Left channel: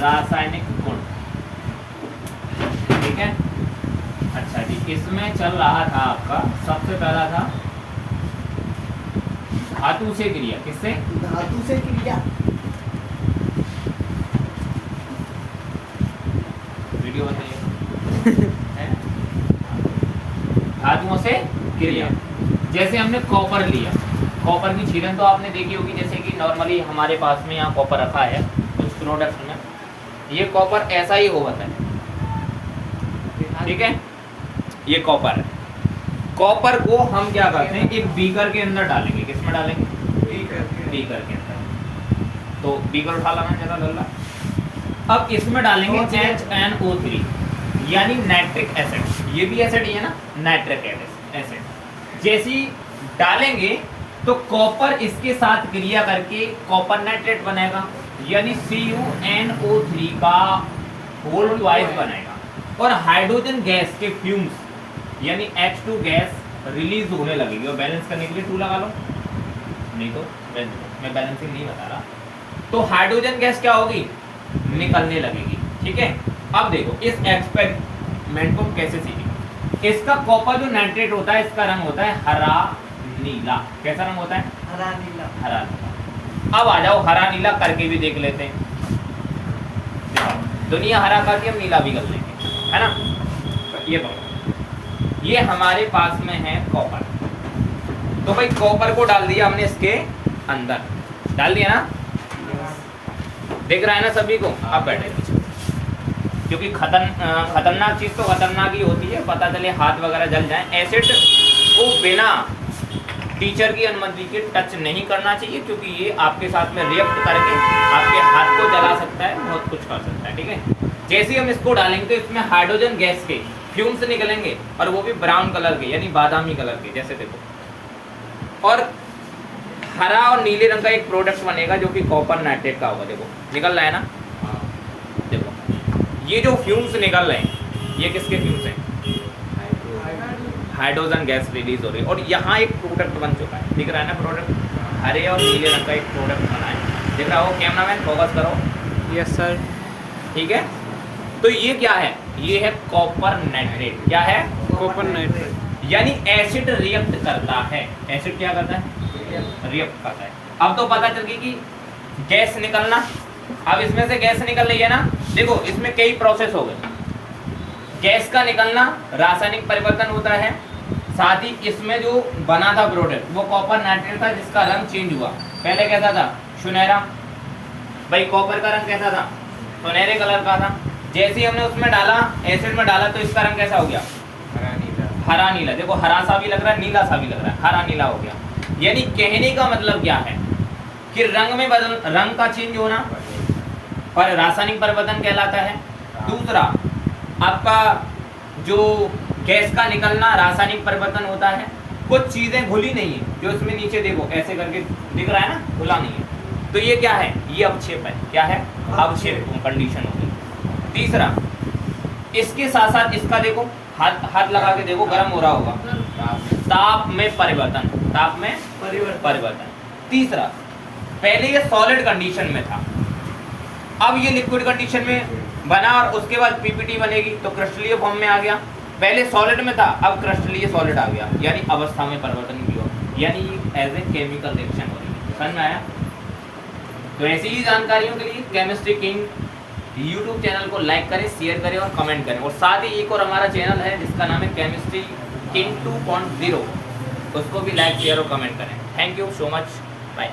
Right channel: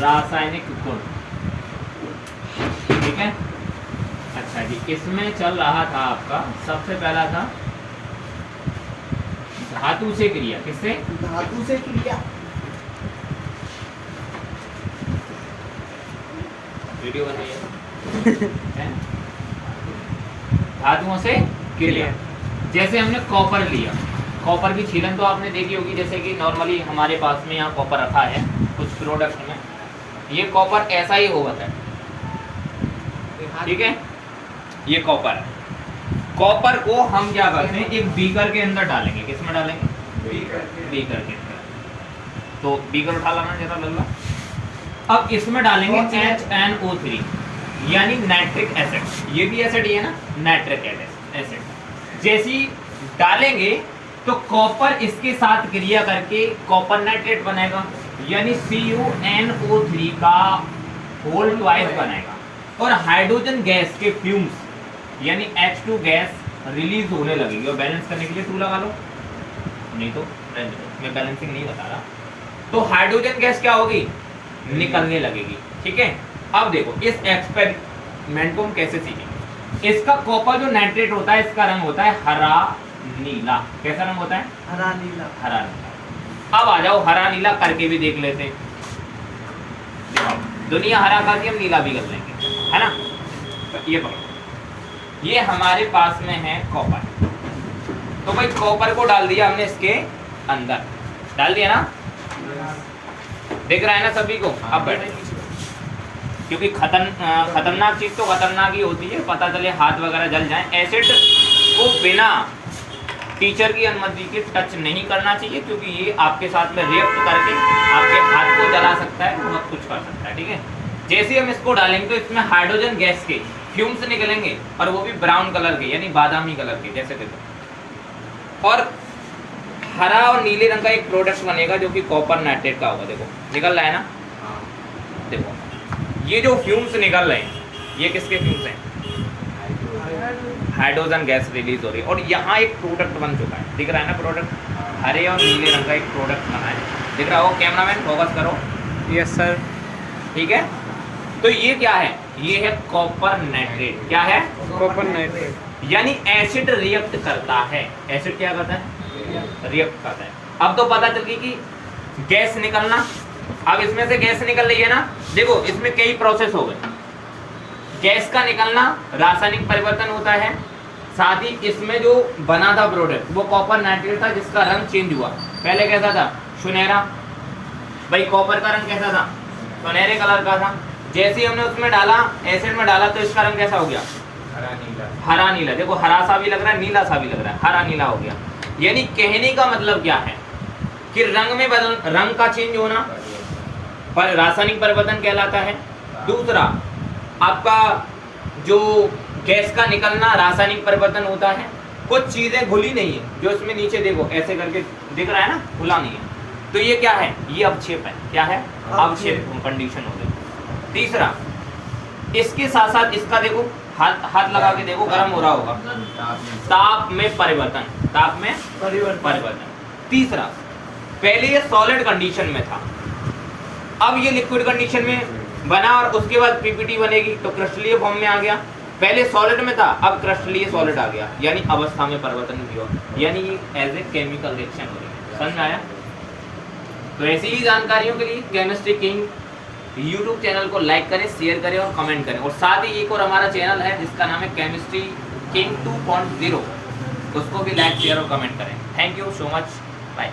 रासायनिक गुण, ठीक है। अच्छा जी, इसमें चल रहा था आपका सबसे पहला था धातु से क्रिया। किससे? धातु से क्रिया। वीडियो बताइए। धातुओं से क्रिया, जैसे हमने कॉपर लिया, कॉपर की छीलन तो आपने देखी होगी। जैसे कि नॉर्मली हमारे पास में यहाँ कॉपर रखा है कुछ प्रोडक्ट में, ये कॉपर ऐसा ही होगा था, ठीक है। ये कॉपर है, कॉपर को हम क्या करते हैं, एक बीकर के अंदर डालेंगे। किस में डालेंगे? बीकर के अंदर। तो बीकर उठा लाना जरा लल्ला। अब इसमें डालेंगे HNO3 यानी नाइट्रिक एसिड। ये भी एसिड ही है ना, नाइट्रिक एसिड। जैसी डालेंगे तो कॉपर इसके साथ क्रिया करके कॉपर नाइट्रेट बनेगा, यानी CuNO3 का होल ट्वाइस बनेगा। और हाइड्रोजन गैस के फ्यूम्स यानी H2 गैस रिलीज होने लगेगी। और बैलेंस करने के लिए 2 लगा लो, नहीं तो मैं बैलेंसिंग नहीं बता रहा। तो हाइड्रोजन गैस क्या होगी? निकलने लगेगी, ठीक है। अब देखो इस एक्सपेरिमेंट को हम कैसे सीखेंगे। इसका कॉपर जो नाइट्रेट होता है, इसका रंग होता है हरा नीला। कैसा रंग होता है? हरा नीला। हरा नीला। अब आ जाओ हरा नीला करके भी देख लेते हैं। दुनिया हरा करके हम नीला भी कर लेंगे, है ना। ये पकड़ो, ये हमारे पास में है कॉपर। तो भाई कॉपर को डाल दिया हमने इसके अंदर, डाल दिया ना, दिख रहा है ना सभी को। अब बैठे, क्योंकि खतरनाक चीज तो खतरनाक ही होती है, पता चले हाथ वगैरह जल जाए। एसिड को बिना टीचर की अनुमति के टच नहीं करना चाहिए, क्योंकि ये आपके साथ में रिएक्ट करके आपके हाथ को जला सकता है, बहुत कुछ कर सकता है, ठीक है। जैसे ही हम इसको डालेंगे तो इसमें हाइड्रोजन गैस के फ्यूम्स निकलेंगे, और वो भी ब्राउन कलर के यानी बादामी कलर के, जैसे देखो। और हरा और नीले रंग का एक प्रोडक्ट बनेगा जो कि कॉपर नाइट्रेट का होगा। देखो निकल रहा है ना, देखो ये जो फ्यूम्स निकल रहे हैं, ये किसके फ्यूम्स हैं? हाइड्रोजन गैस रिलीज हो रही है। और यहाँ एक प्रोडक्ट बन चुका है, दिख रहा है ना प्रोडक्ट, हरे और नीले रंग का एक प्रोडक्ट बना है, दिख रहा हो? कैमरामैन फोकस करो। Yes sir. ठीक है, तो ये क्या है? ये है कॉपर नाइट्रेट। क्या है? Copper nitrate. यानी एसिड रिएक्ट करता है। एसिड क्या करता है? रिएक्ट करता है। अब तो पता चल गई कि गैस निकलना। अब इसमें से गैस निकल रही है ना, देखो इसमें कई प्रोसेस हो गए। गैस का निकलना, रासायनिक परिवर्तन होता है, साथ ही इसमें जो बना था प्रोडक्ट वो कॉपर नाइट्रेट था, जिसका रंग चेंज हुआ। पहले कैसा था? सुनहरा। भाई कॉपर का रंग कैसा था? सुनहरे कलर का था। जैसे ही हमने उसमें डाला, एसिड में डाला, तो इसका रंग कैसा हो गया? हरा नीला। हरा नीला। देखो हरा सा भी लग रहा है, नीला सा भी लग रहा है, हरा नीला हो गया। यानी कहने का मतलब क्या है कि रंग में रंग का चेंज होना पर रासायनिक परिवर्तन कहलाता है। दूसरा आपका जो गैस का निकलना रासायनिक परिवर्तन होता है। कुछ चीजें घुली नहीं है, जो इसमें नीचे देखो ऐसे करके दिख रहा है ना, खुला नहीं है, तो ये क्या है? ये अवक्षेप है। क्या है? अवक्षेप कंडीशन होगी। तीसरा, इसके साथ साथ इसका देखो, हाथ लगा के देखो, गर्म हो रहा होगा, ताप में परिवर्तन, ताप में परिवर्तन। तीसरा, पहले ये सॉलिड कंडीशन में था, अब ये लिक्विड कंडीशन में बना, और उसके बाद पीपीटी बनेगी तो क्रिस्टलीय फॉर्म में आ गया। पहले सॉलिड में था, अब क्रिस्टलीय सॉलिड आ गया, यानी अवस्था में परिवर्तन किया, यानी एज ए केमिकल रिएक्शन हो रही है। समझ आया? तो ऐसी ही जानकारियों के लिए केमिस्ट्री किंग यूट्यूब चैनल को लाइक करें, शेयर करें और कमेंट करें। और साथ ही एक और हमारा चैनल है जिसका नाम है केमिस्ट्री किंग 2.0, उसको भी लाइक शेयर और कमेंट करें। Thank you so much, bye.